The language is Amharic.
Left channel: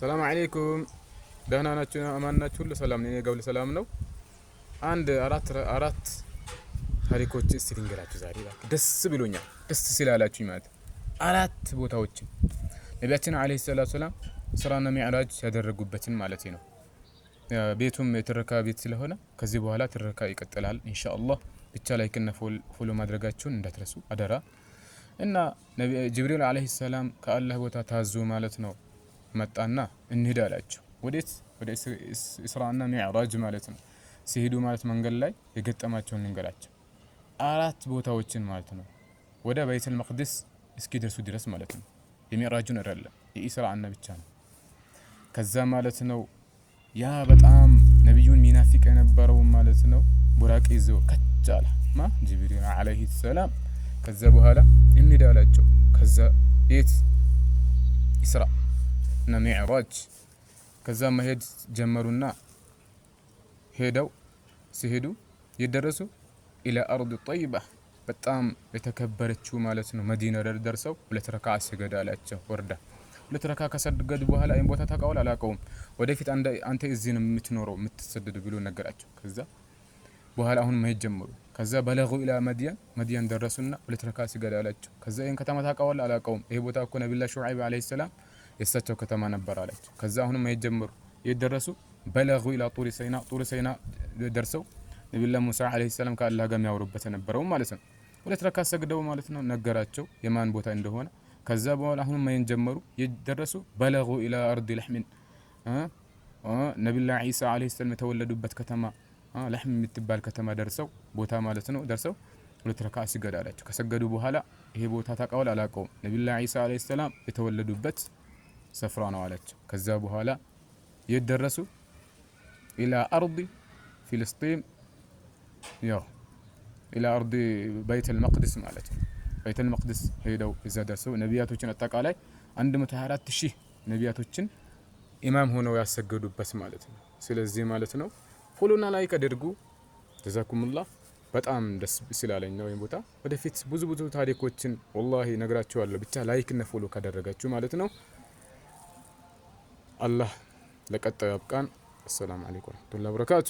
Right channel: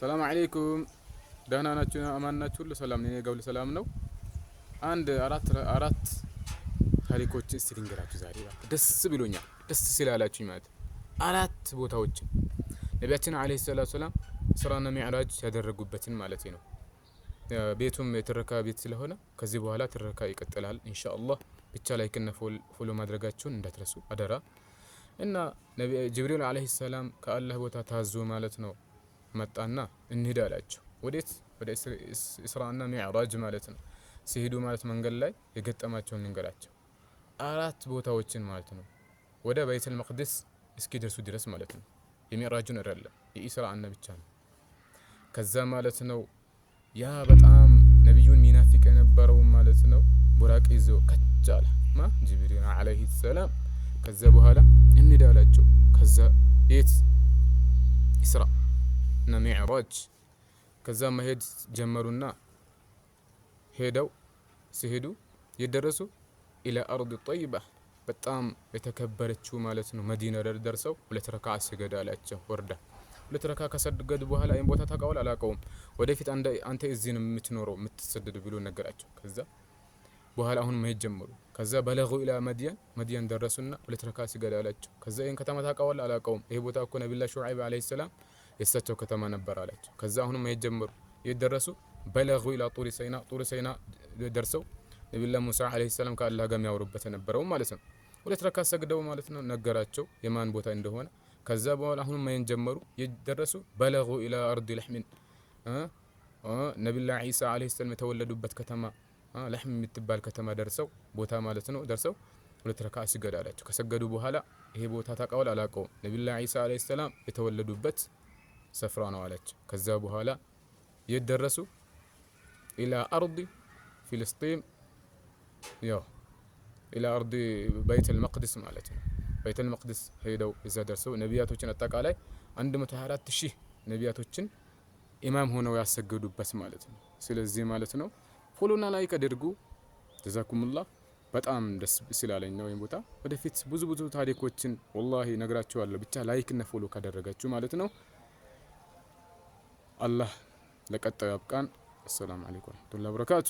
ሰላም አለይኩም ደህና ናችሁ? አማን ናችሁ? ሁሉ ሰላም ነው? እኔ ጋር ሁሉ ሰላም ነው። አንድ አራት ታሪኮች እስቲ ልንገራችሁ ዛሬ ደስ ብሎኛል። ደስ ስላላችሁኝ ማለት አራት ቦታዎች ነቢያችን አለይሂ ሰላቱ ሰላም ኢስራና ሚዕራጅ ያደረጉበትን ማለት ነው። ቤቱም የትረካ ቤት ስለሆነ ከዚህ በኋላ ትረካ ይቀጥላል ኢንሻአላህ። ብቻ ላይክና ፎሎ ማድረጋችሁን እንዳትረሱ አደራ። እና ጅብሪል አለይሂ ሰላም ከአላህ ቦታ ታዞ ማለት ነው መጣና እንሂድ አላቸው። ወዴት? ወደ ኢስራና ሚዕራጅ ማለት ነው። ሲሄዱ ማለት መንገድ ላይ የገጠማቸውን ልንገራቸው። አራት ቦታዎችን ማለት ነው ወደ በይተል መቅደስ እስኪደርሱ ድረስ ማለት ነው። የሚዕራጁን አይደለም የኢስራና ብቻ ነው። ከዛ ማለት ነው ያ በጣም ነብዩን ሚናፍቅ የነበረው ማለት ነው ቡራቅ ይዞ ከቻለ ጅብሪል አለይሂ ሰላም ከዛ በኋላ እንሂድ አላቸው። ከዛ የት? ኢስራ እና ሚዕራጅ ከዛ መሄድ ጀመሩና ሄደው ሲሄዱ የደረሱ ኢላ አርድ ጠይባ በጣም የተከበረችው ማለት ነው መዲና ደርሰው ሁለት ረካዓ ሰገድ አላቸው። ወርዳ ሁለት ረካዓ ከሰገዱ በኋላ ይሄን ቦታ ታውቀዋል አላውቀውም፣ ወደፊት አንተ እዚህ ነው የምትኖረው የምትሰደድ ብሎ ነገራቸው። ከዛ በኋላ አሁን መሄድ ጀመሩ። ከዛ በለጉ ኢላ መዲያን ደረሱና ሁለት ረካዓ ሰገድ አላቸው። ከዛ ይሄን ከተማ ታውቀዋል አላውቀውም፣ ይሄ ቦታ እኮ ነብዩላህ ሹዓይብ አለይሂ ሰላም የሳቸው ከተማ ነበር አላቸው። ከዛ አሁንም መሄድ ጀመሩ። የደረሱ በለጉ ኢላ ጡር ሰይና ደርሰው ነብዩላህ ሙሳ አለይሂ ሰላም ከአላህ ጋር የሚያወሩበት የነበረው ማለት ነው። ሁለት ረካዓ ሰግደው ማለት ነው ነገራቸው የማን ቦታ እንደሆነ። ከዛ በኋላ አሁንም መሄድ ጀመሩ። የደረሱ በለጉ ኢላ አርድ ለሕም ነብዩላህ ዒሳ አለይሂ ሰላም የተወለዱበት ከተማ ለሕም የምትባል ከተማ ደርሰው ቦታ ማለት ነው ደርሰው ሁለት ረካዓ ሰገድ አላቸው። ከሰገዱ በኋላ ይሄ ቦታ ታውቀዋል አላውቀውም፣ ነብዩላህ ዒሳ አለይሂ ሰላም የተወለዱበት ስፍራ ነው አላቸው። ከዛ በኋላ የደረሱ ኢላ አርድ ፍልስጤም ያው ኢላ አርድ በይተል መቅደስ ማለት ነው። በይተል መቅደስ ሄደው እዛ ደርሰው ነቢያቶችን አጠቃላይ 124000 ነቢያቶችን ኢማም ሆነው ያሰገዱበት ማለት ነው። ስለዚህ ማለት ነው ፎሎና ላይክ አድርጉ። ጀዛኩሙላህ። በጣም ደስ ስላለኝ ነው ቦታ። ወደፊት ብዙ ታሪኮችን ወላሂ ነግራችኋለሁ። ብቻ ላይክ እና ፎሎ ካደረጋችሁ ማለት ነው። አላህ ለቀጣዩ ያብቃን። አሰላሙ አለይኩም ወራህመቱላሂ ወበረካቱ።